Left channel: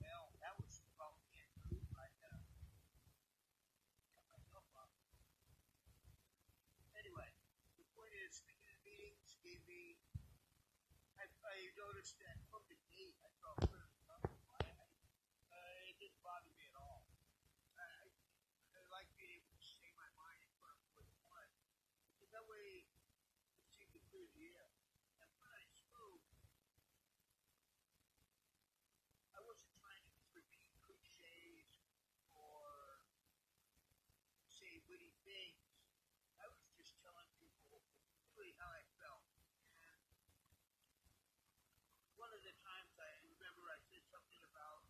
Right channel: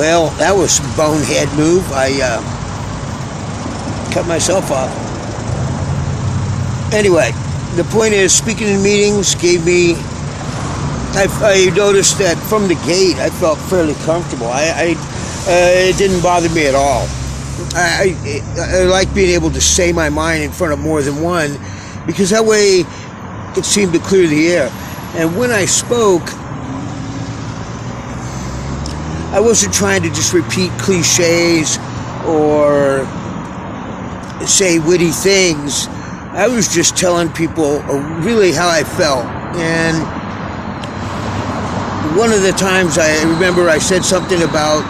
Well, that was a bonehead move. I cut myself off. Anyway, the point is, speaking in meetings gave me... I noticed that from the gate, I felt fairly comfortable. It didn't bother me at all. I like being able to say my mind in front of more than one, because that way it seemed to clear the air. And when I spoke, I wasn't trying to just repeat cliches or say witty things. I was just telling people really how I felt. And one of the times I remember I said something about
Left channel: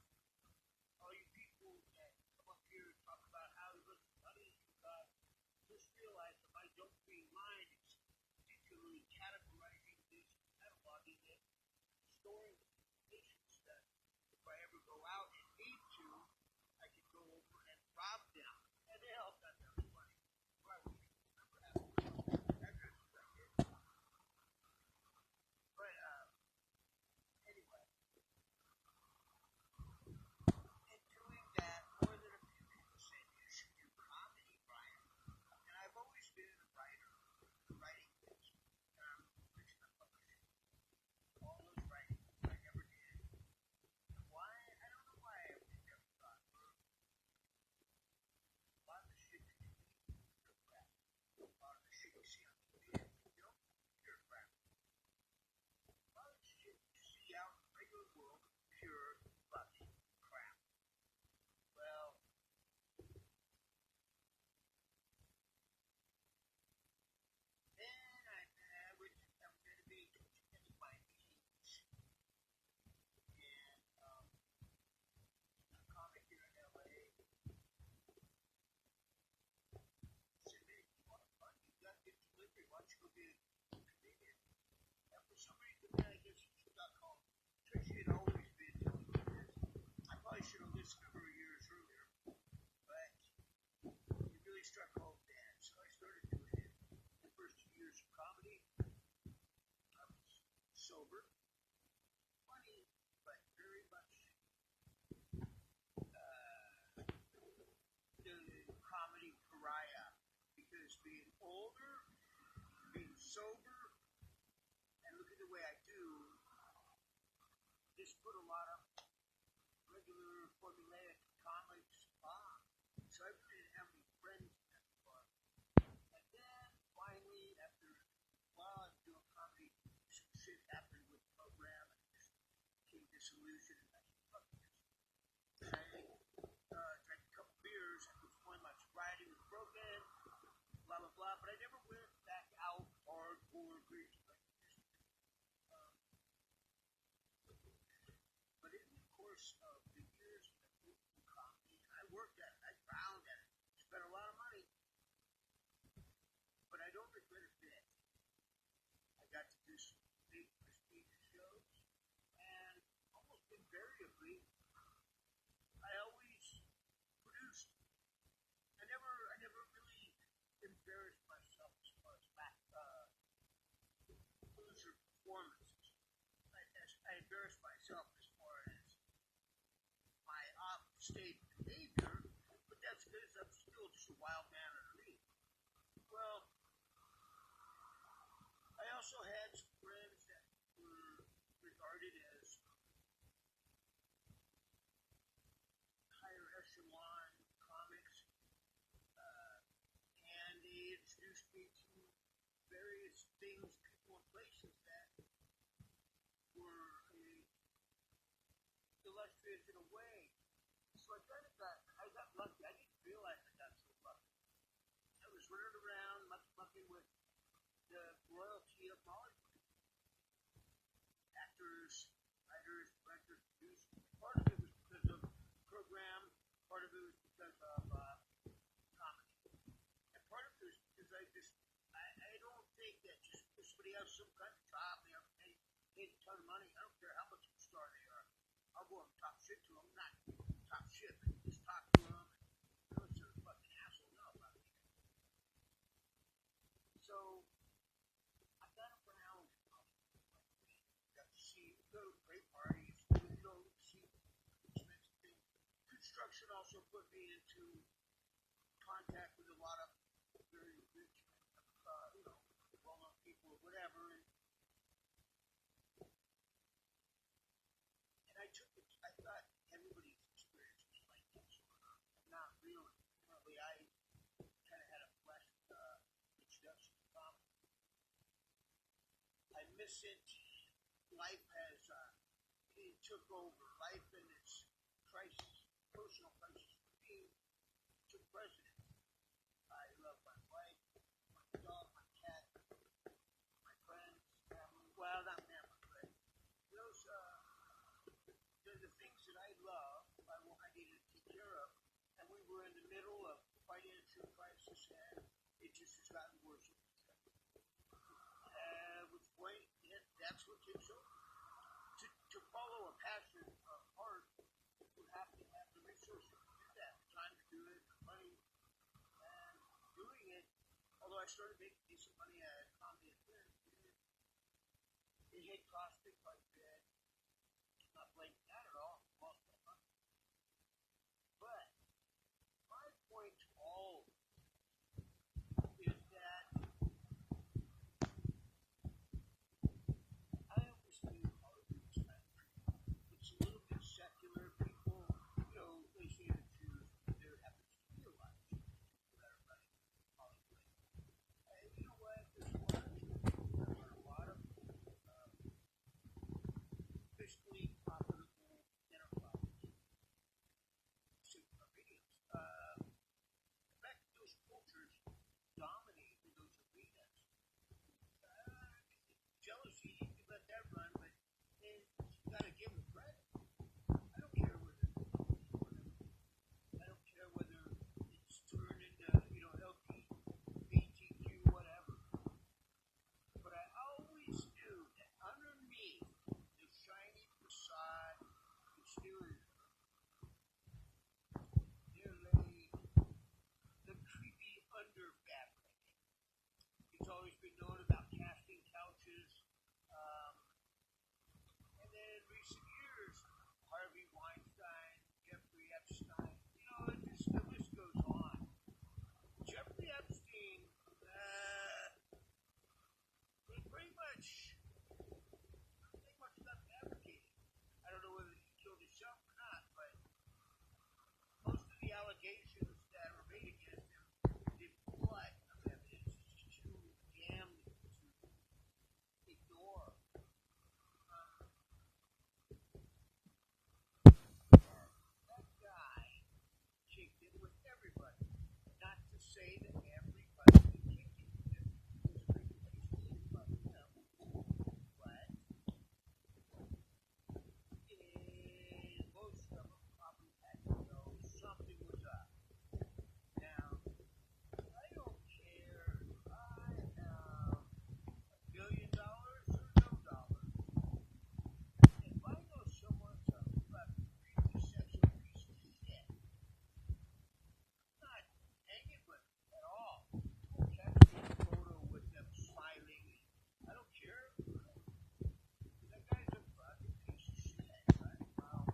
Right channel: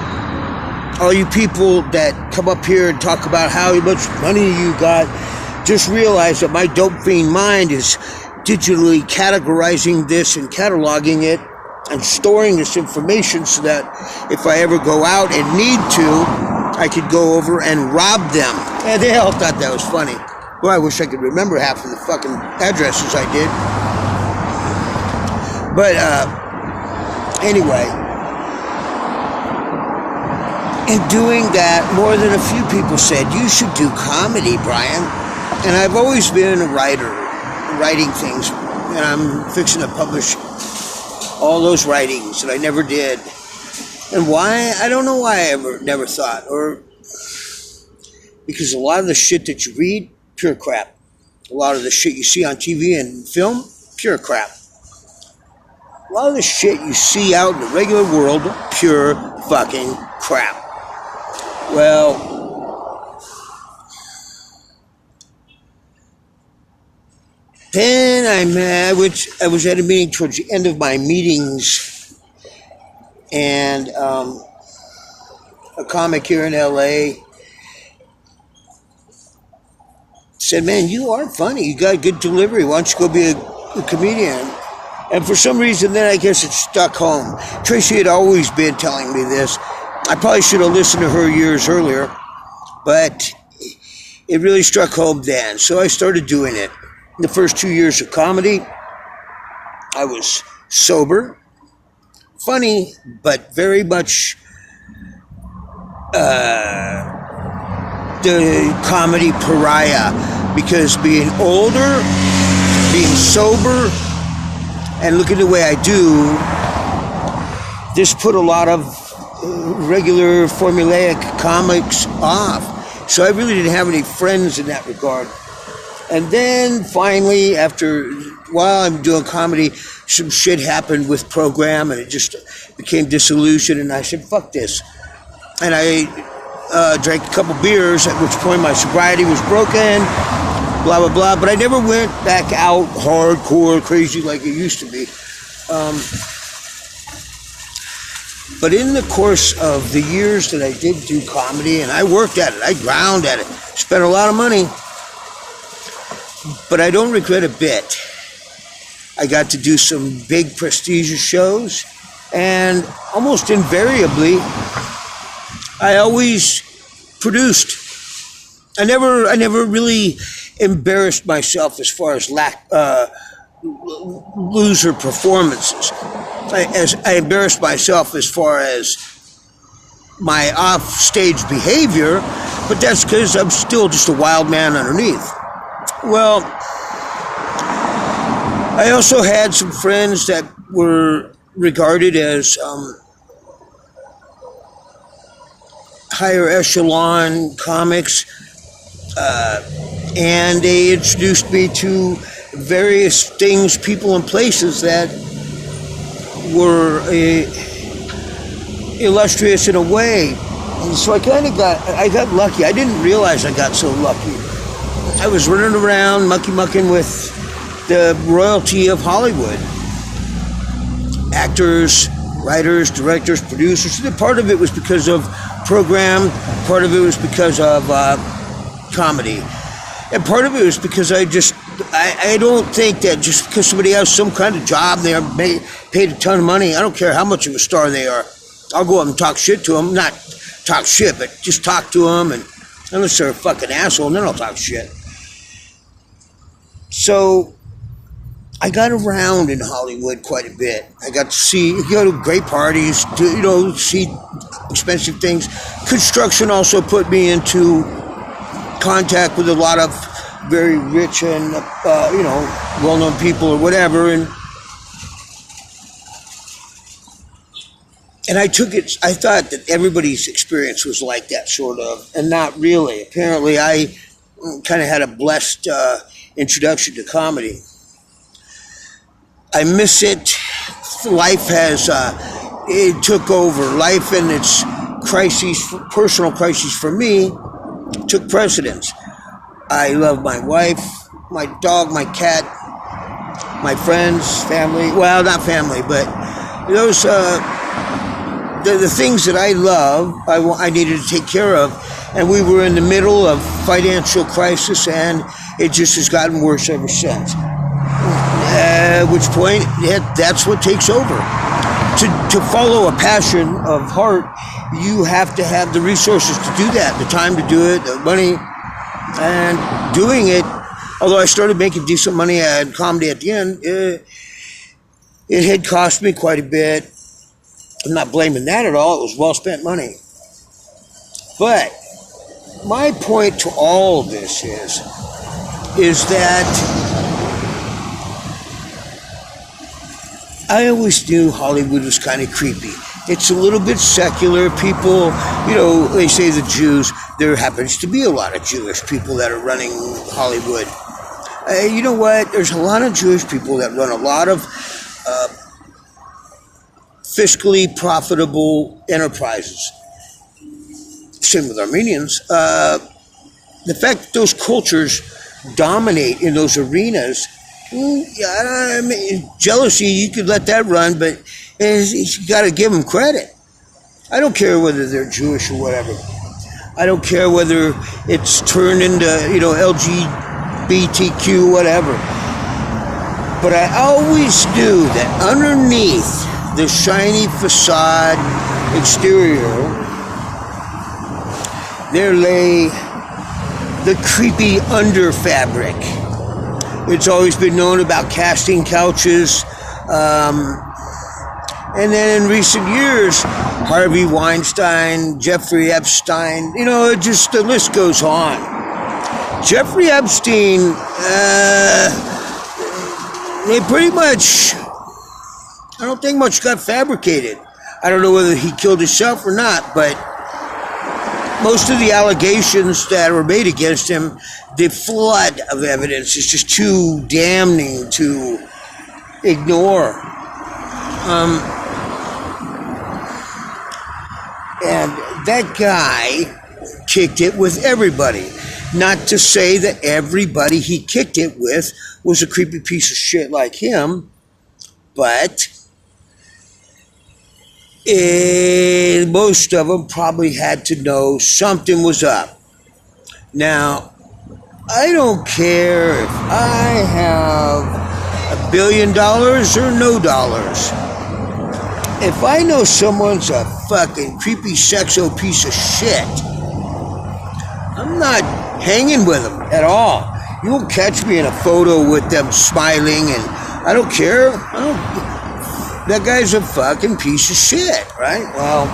all you people that come up here and talk about how much money you got, just realize that my dope fiend mind is digitally categorizing this and cataloging it and storing this information so that if I ever go out and need to, I could go over and rob them. And they all thought that was funny. Well, I wish I could remember half of the fucking addresses I did. But anyway, in doing that, more than a few people said, you should do comedy, Brian. And I've always been a writer, writing things. And I'm fixing to publish all those writings that I never did. And why? I don't know why I never thought. Or because a lot of the shit that you read, pure crap. A lot of the shit you see on TV and film, pure crap. A lot of the shit you see out in the regular world, pure fucking crap. Well, then I was at a meeting towards the end of my meetings, and a comic here in LA said, man, you are funny. You got good delivery. Why don't you go be a comedian? And for some reason, then I guess it stuck home. Tracy had always been telling me this. I probably should have listened to her years earlier, but it really struck home then. So I started doing it. In the first 2 years of comedy, I was sober, funny, but very much the comedy pariah, because being older, being sober, and look at the way I do, this put a lot of regular formulaic comics off. So I really didn't have any friends in that regard. And then finally, while I'm doing comedy, some shit happened with program and it just became disillusioned, and I said, fuck this. And I drank a couple beers, at which point my sobriety was broken, blah, blah, blah. But I never went back out hardcore crazy like it used to be. But in the course of the years that I did do comedy, and I worked at it, I ground at it, spent a lot of money, but I don't regret a bit. I got to do some big prestigious shows, and almost invariably, I always produced. I never really embarrassed myself as far as loser performances. I embarrassed myself as far as my off-stage behavior, but that's because I'm still just a wild man underneath. Well, I also had some friends that were regarded as higher echelon comics, and they introduced me to various things, people, and places that were illustrious in a way. And so I got lucky. I didn't realize I got so lucky. I was running around mucking with the royalty of Hollywood. Actors, writers, directors, producers. Part of it was because of program, part of it was because of comedy. And part of it was because I don't think that just because somebody has some kind of job, they're paid a ton of money, I don't care how much of a star they are. I'll go up and talk shit to them. Not talk shit, but just talk to them, and unless they're a fucking asshole, then I'll talk shit. So I got around in Hollywood quite a bit. I got to go to great parties, see expensive things. Construction also put me into contact with a lot of very rich and, well-known people or whatever. And I took it, I thought that everybody's experience was like that, sort of, and not really. Apparently, I kind of had a blessed introduction to comedy. I miss it. Life has, it took over. Life and its crises, personal crises for me, took precedence. I love my wife, my dog, my cat, my friends, family. Well, not family, but those, the things that I love, I needed to take care of. And we were in the middle of financial crisis, and it just has gotten worse ever since. At which point, that's what takes over. To follow a passion of heart, you have to have the resources to do that, the time to do it, the money, and doing it. Although I started making decent money at comedy at the end, it had cost me quite a bit. I'm not blaming that at all. It was well-spent money. But my point to all of this is that I always knew Hollywood was kind of creepy. It's a little bit secular. People, they say the Jews. There happens to be a lot of Jewish people that are running Hollywood. You know what? There's a lot of Jewish people that run a lot of fiscally profitable enterprises. Same with Armenians. The fact that those cultures dominate in those arenas, I mean, jealousy, you could let that run, but you got to give them credit. I don't care whether they're Jewish or whatever. I don't care whether it's turned into, LGBTQ, whatever. But I always knew that underneath the shiny facade exterior, there lay the creepy under fabric. It's always been known about casting couches. And then in recent years, Harvey Weinstein, Jeffrey Epstein, the list goes on. Jeffrey Epstein, they pretty much, I don't think much got fabricated. I don't know whether he killed himself or not, but most of the allegations that were made against him, the flood of evidence is just too damning to ignore. And that guy kicked it with everybody. Not to say that everybody he kicked it with was a creepy piece of shit like him, but most of them probably had to know something was up. Now, I don't care if I have $1 billion or no dollars. If I know someone's a fucking creepy sexo piece of shit, I'm not hanging with them at all. You won't catch me in a photo with them smiling, and I don't care. That guy's a fucking piece of shit, right? Well,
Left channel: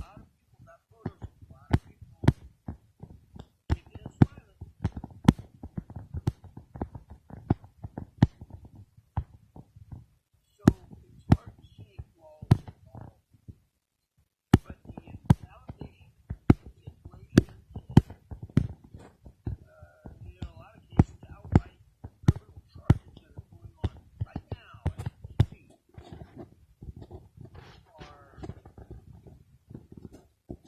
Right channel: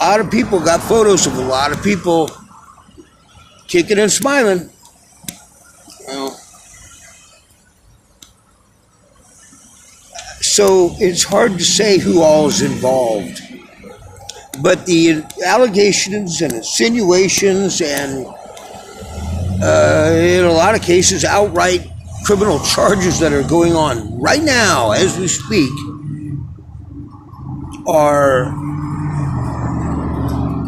a lot of people got photos of a lot of people kicking and smiling. Well, so it's hard to say who all is involved. But the allegations and insinuations and in a lot of cases outright criminal charges that are going on right now as we speak are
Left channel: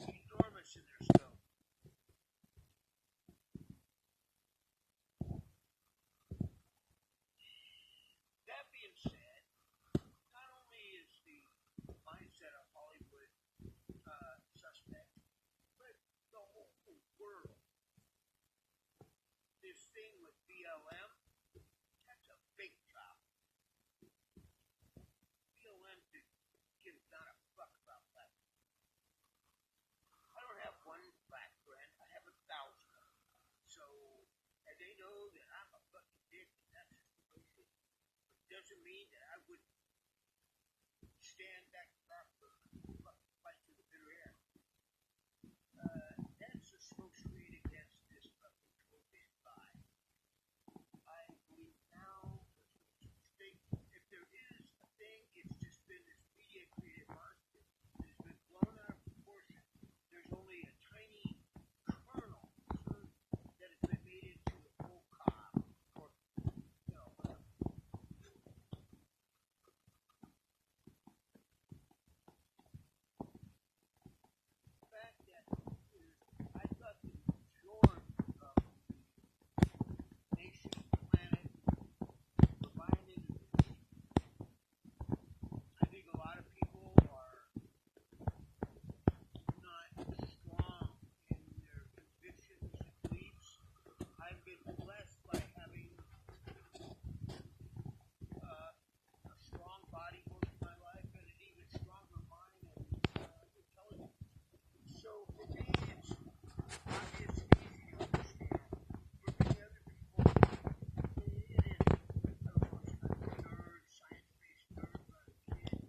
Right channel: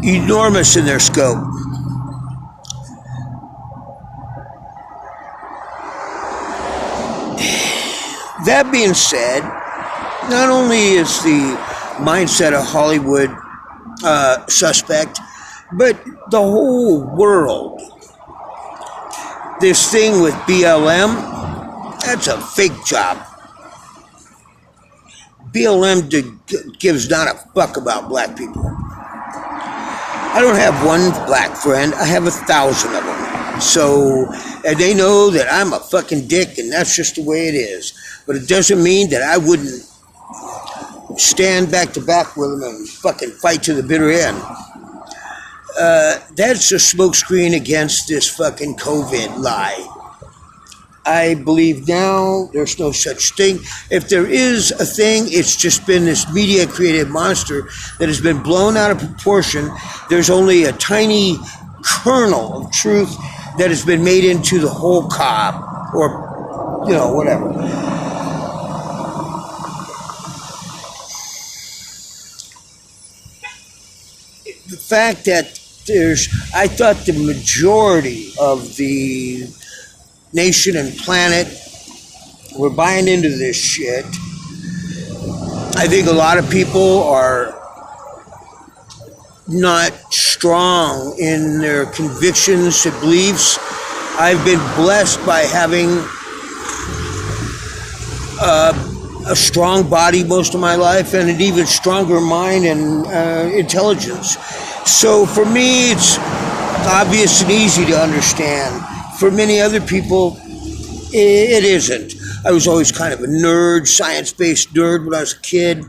enormous in their scope. That being said, not only is the mindset of Hollywood suspect, but the whole world. This thing with BLM, that's a fake job. BLM gives not a fuck about black people. I don't have one black friend, I have 1,000 of them. So, and they know that I'm a fucking dick and that's just the way it is. But it doesn't mean that I wouldn't stand back to back with them and fucking fight to the bitter end. That's a smokescreen against this fucking COVID lie. I believe now there's no such thing. If there is a thing, it's just been this media-created monster that has been blown out of proportion. There's only a tiny kernel of truth that has been made into the whole cob, or, whatever. The fact that I thought the majority of the nation and planet were buying into this shit. I think a lot of people are not strong in their convictions and beliefs. I've been blessed by having a strong body most of my life and an even stronger mind and intelligence. So for me, it's obvious and easy to understand. For many other people, it isn't. I was always kind of a nerd, science-based nerd when I was a kid.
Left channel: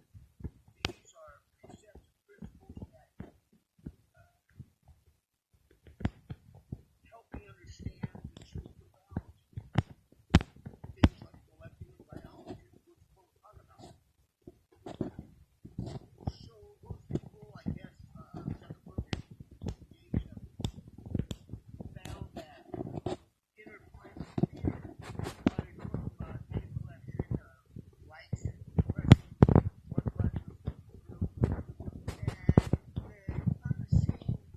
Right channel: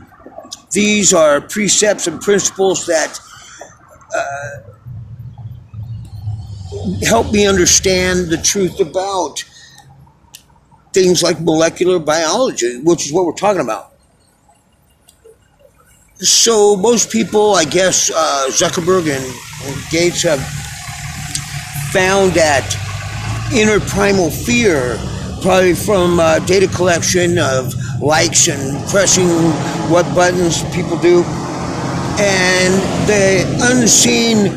These are precepts and principles that help me understand the truth about things like molecular biology, which is what we're talking about. So most people, I guess, Zuckerberg and Gates have found that inner primal fear, probably from data collection of likes and pressing what buttons people do, and the unseen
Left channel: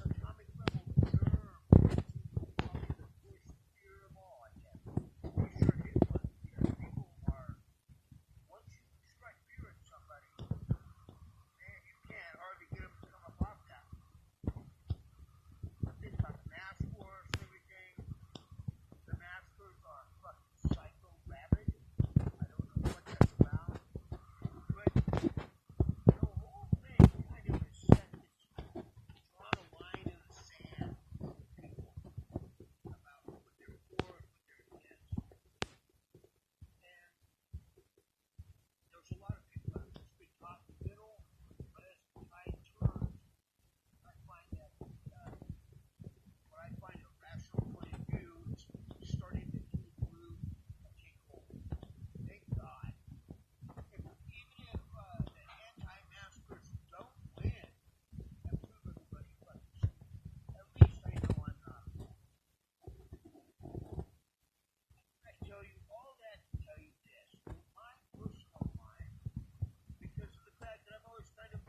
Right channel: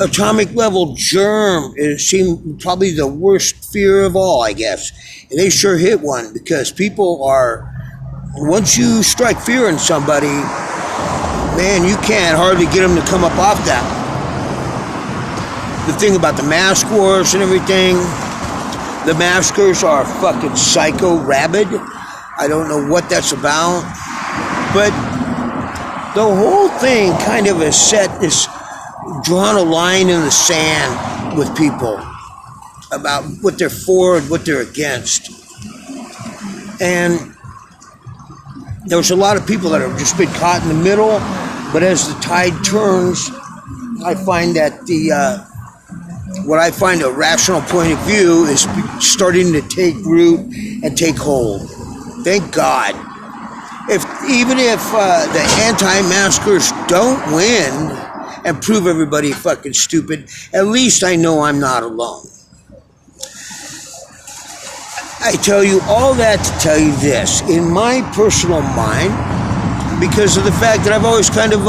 atomic level germ seemed probably the worst fear of all, I guess. And they sure hit one, because people are, once you strike fear in somebody, man, you can't hardly get them to come up off that. The thing about the mask wars and everything, the maskers are fucking psycho rabid. I don't know what that's about, but the whole thing kind of has drawn a line in the sand with people about what they're for and what they're against. And there's a lot of people that have just been caught in the middle, but as the tide turns, I find that what I find a rational point of view is starting to take root and take hold. Thank God. Even if the anti-maskers don't win and prove everybody fucking stupid, at least I know I'm not alone. I tell you all that to tell you this. In my personal mind, because of the fact that I've always kind of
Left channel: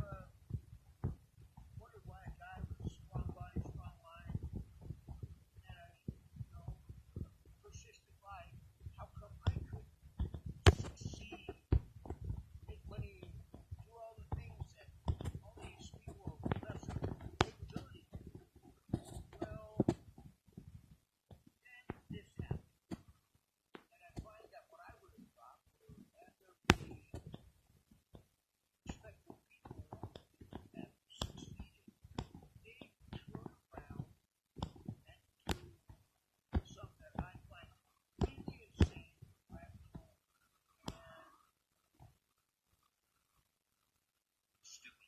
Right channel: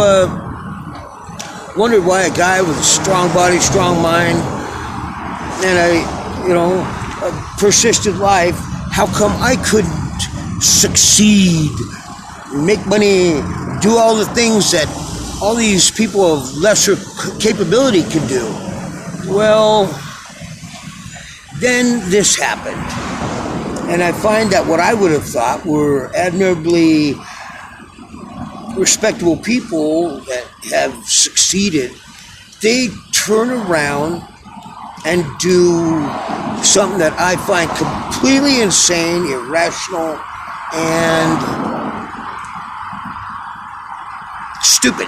wondered why a guy with a strong body, strong mind, and a persistent life, how come I couldn't succeed, make money, do all the things that all these people of lesser capability can do? Well, then this happened. And I find that what I would have thought were admirably respectable people that have succeeded, they turn around and do something that I find completely insane, irrational, and stupid.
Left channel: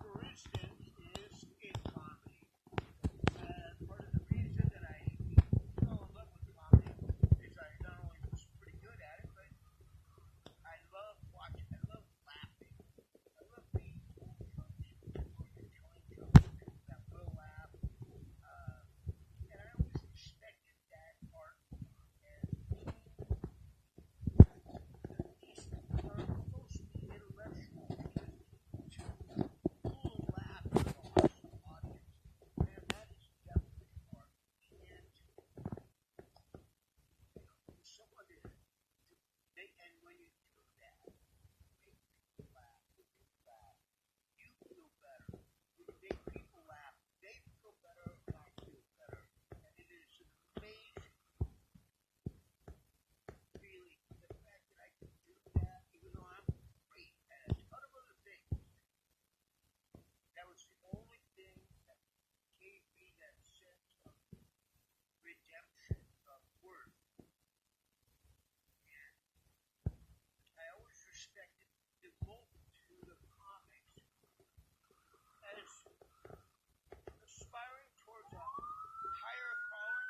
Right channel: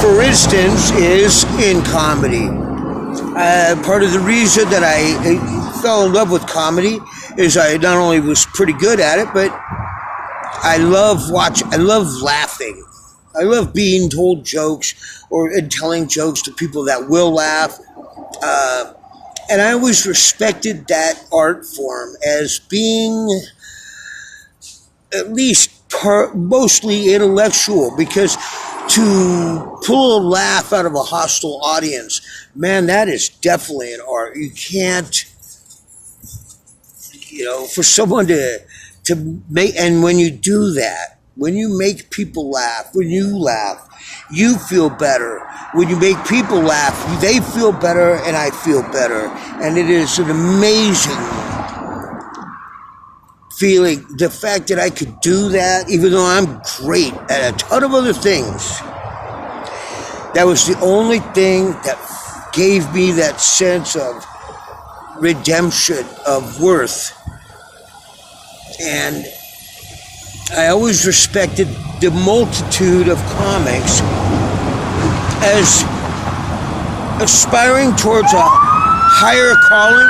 For instance, is in comedy. Part of the reason that I fell in love with comedy is I not only was pretty good at it, but I love laughing. I love being told jokes and telling jokes to people that will laugh. And I always respected that art form as being at least mostly intellectual, because to pull a laugh out of a hostile audience, man, that is definitely an art. You can't, for someone to make, and when you do that, when you make people laugh, when you laugh, you feel better. When you make people laugh, they feel better and I feel better. And it is an amazing feeling. The fact that I could do that, even though I'm great at a ton of other things, that was the only thing that gave me that sense of redemption, of worth. And I always respected the multitude of comics as aspiring towards a higher calling.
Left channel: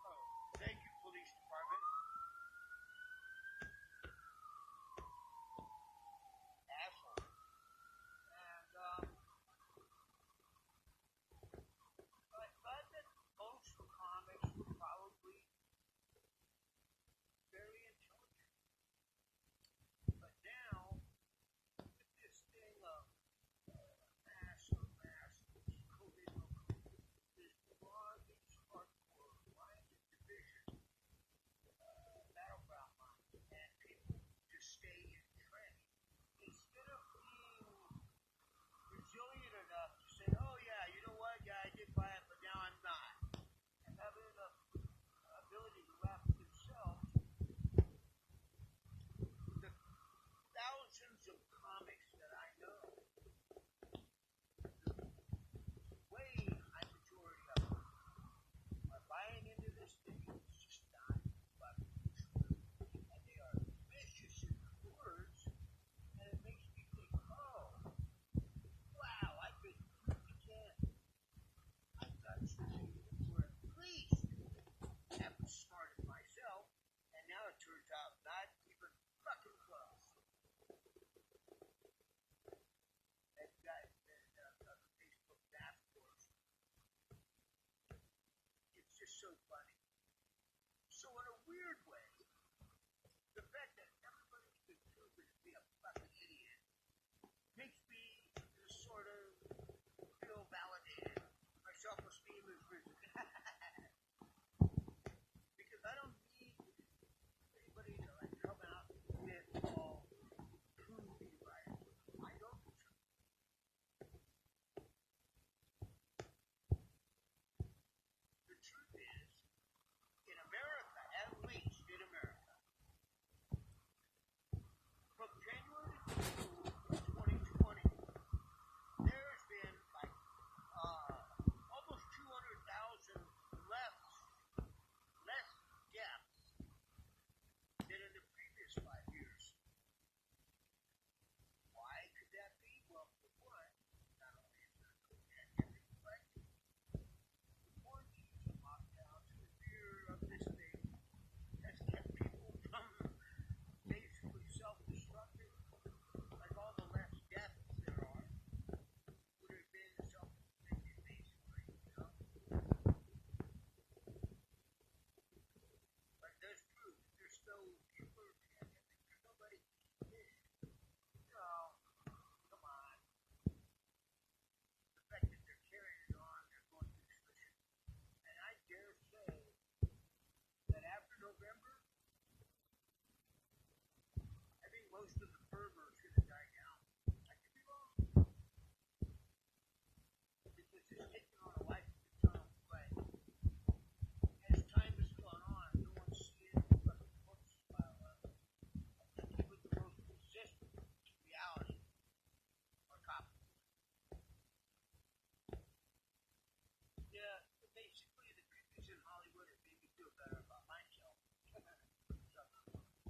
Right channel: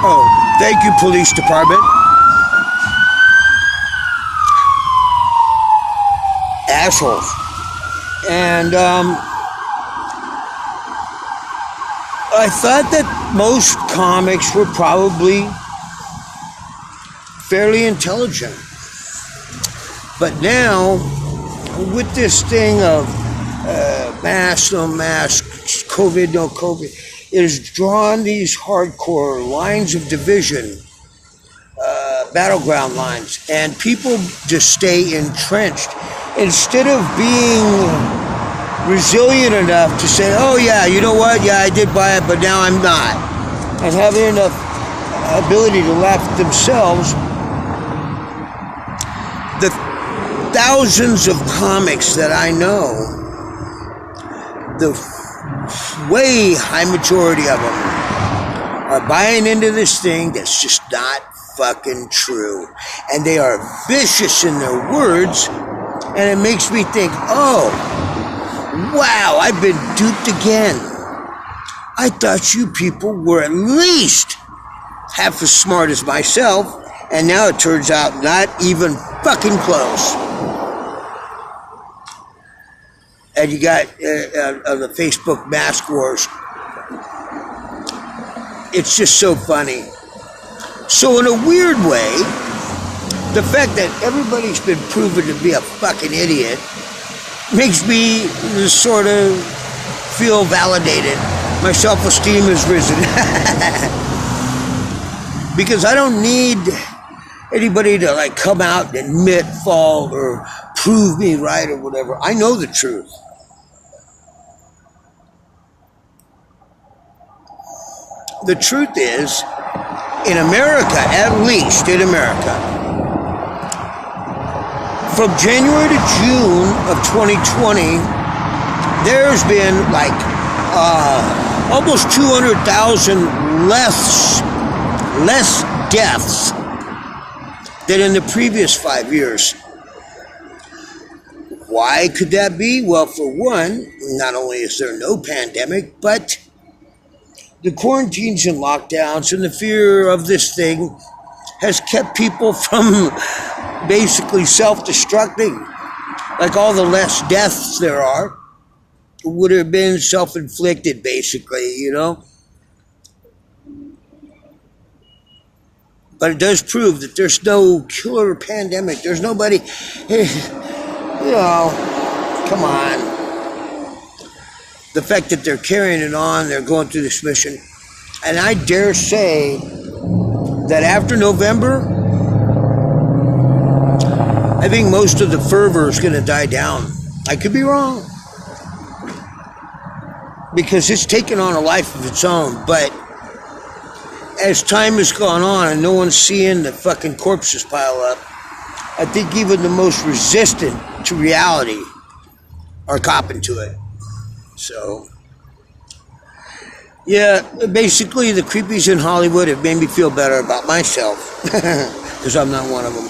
Oh, thank you, police department. Assholes. And I thought that most comics were probably fairly intelligent. But now, with this thing of mask, no mask, COVID, no COVID, it has drawn these hardcore lines of division, battleground lines, and people just stay entrenched. Instead of being resilient enough to say, oh yeah, you know what, yeah, I did buy it, but now I'm not. And having enough ability to laugh at themselves, the thousands of comics that I know, the way high majority of them are buying into this thing that's just not fucking true. And they are vicious in their words, and it makes me think, oh, wow, I've been duped again. I thought you people were at least half as smart as myself, and now it turns out not even fucking close. And you got the Facebook mask wars. It's just so funny. So in a weird way, the fact that everybody's been proven to be a fucking idiot makes me sort of feel validated. My self-esteem has risen. Because I don't need anybody to like come out and admit fault or prove me right or whatever. I know the truth. The truth is, in America, at least in America, from January to June of 2020, there's been like almost 200,000 less deaths than in the previous 5 years. Why could that be? Well, for one, not only is there no pandemic, but the quarantines and lockdowns and the fear of this thing has kept people from basically self-destructing. Like all the less deaths there are would have been self-inflicted, basically, you know? But it does prove that there's no killer pandemic. There's nobody, you know, come on. The fact that they're carrying it on, they're going through this mission. And I dare say that after November, I think most of the fervor is going to die down. I could be wrong. Because it's taken on a life of its own. But as time has gone on and no one's seeing the fucking corpses pile up, I think even the most resistant to reality are copping to it. So, yeah, basically the creepies in Hollywood have made me feel better about myself, because I'm not one of them.